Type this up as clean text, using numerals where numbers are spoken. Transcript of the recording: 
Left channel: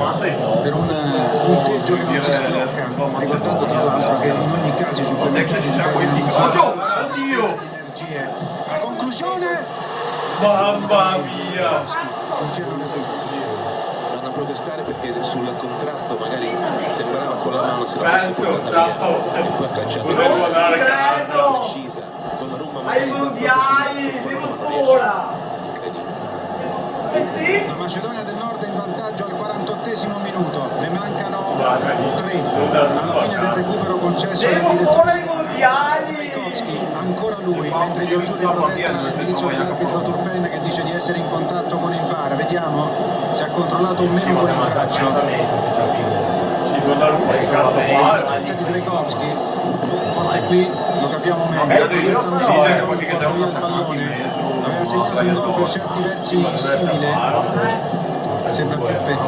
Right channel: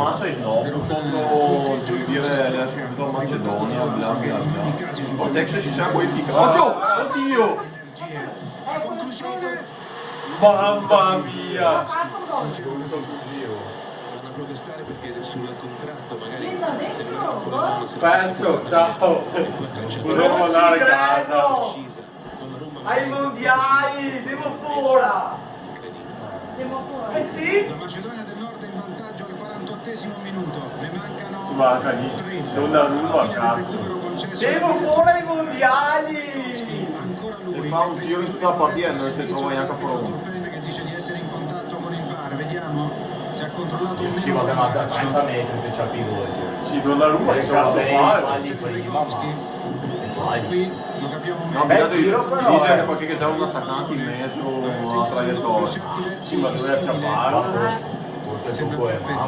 per un punteggio che non si sblocca, ricordando tra l'altro che in ogni caso i Texas si sa qualifica. Oddio! La conclusione, Mamma mia! Vanno a protestare perché sul contrasto magari sembrava con la mano se la fosse Penso, portata ciao! via e poi ha calciato Volevo andare a casa! precisa con la Roma Ai mondiali, devo ora! Eh sì? la Macedonia del Nord è in vantaggio al 48esimo minuto, ne mancano Guarda lì, 3 non da alla nulla, fine del cazzo. recupero concesso al Devo direttore fuori ai mondiali! Tchaikovsky, ancora lui, Fa un mentre gli tiro azzurri sulla protestano portiera, all'indirizzo se trova dell'arbitro Jacopo. Turpen che dice di essere in contatto con il VAR. Vediamo se ha controllato o Sì, meno ma con il una braccio. perfettamente che c'ha più sì, Donnarumma che cazzo fa? Di Tchaikovsky, forse qui lo capiamo meglio. Vabbè, io Sta non uscendo, so, perché porta c'è un via il attaccato in pallone. mezzo, Aveva uno segnato un gol per traiettoria. certi versi simile, sembra più petto.